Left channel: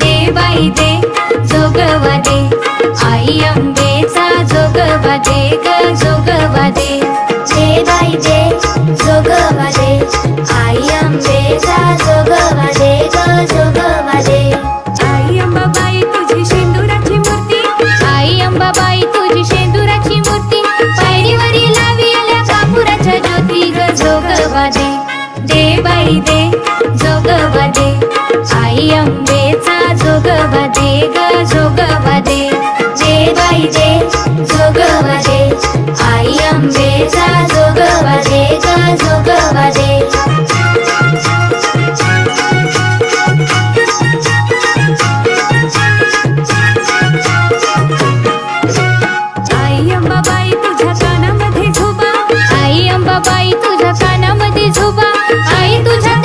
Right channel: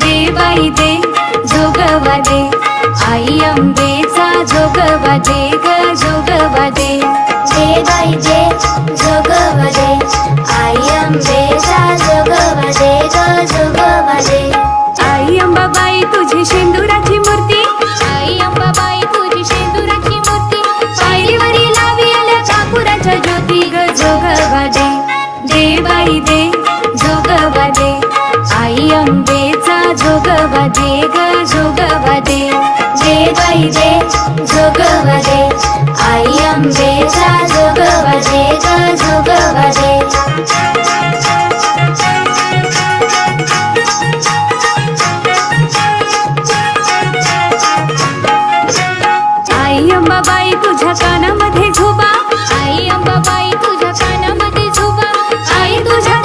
दे बाई दे जोगवा दे, आई अंबेचा जोगवा दे ग जोगवा दे. दे बाई दे जोगवा दे, आई अंबेचा जोगवा दे ग जोगवा दे. आई अंबाबाई तुझी शेंदुराची मूर्ती, आई अंबाबाई तुझी शेंदुराची मूर्ती, पायरीवरी लावी आल्या कापुराच्या ज्योती ग जोगवा दे. दे बाई दे जोगवा दे, आई अंबेचा जोगवा दे ग जोगवा दे. दे बाई दे जोगवा दे, आई अंबेचा जोगवा दे ग जोगवा दे. आई अंबाबाई तुझ्या कानामध्ये झोबा, आई अंबाबाई तुझ्या कानामध्ये झोबा, आई तुझ्या